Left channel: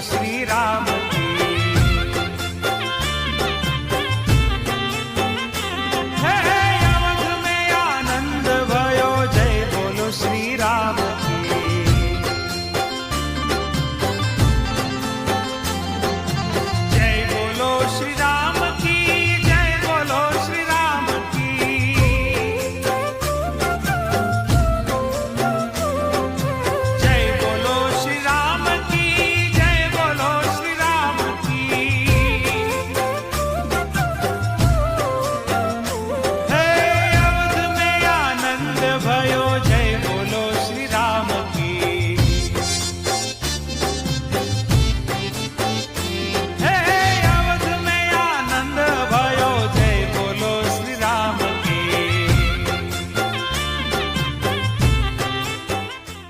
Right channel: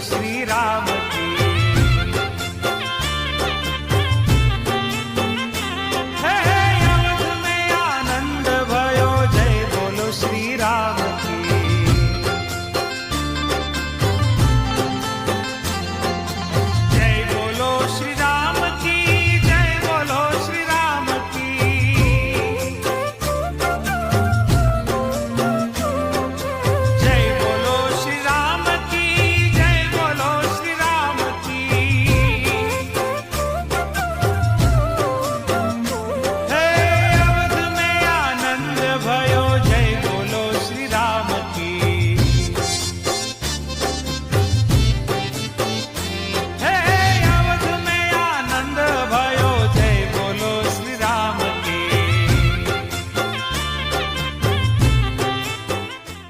श्री राम की। हे अवध में आनंद भयो, जय बोलो श्री राम की। जय बोलो श्री राम की, जय बोलो श्री राम की। जय बोलो श्री राम की, जय बोलो श्री राम की। हे अवध में आनंद भयो, जय बोलो श्री राम की।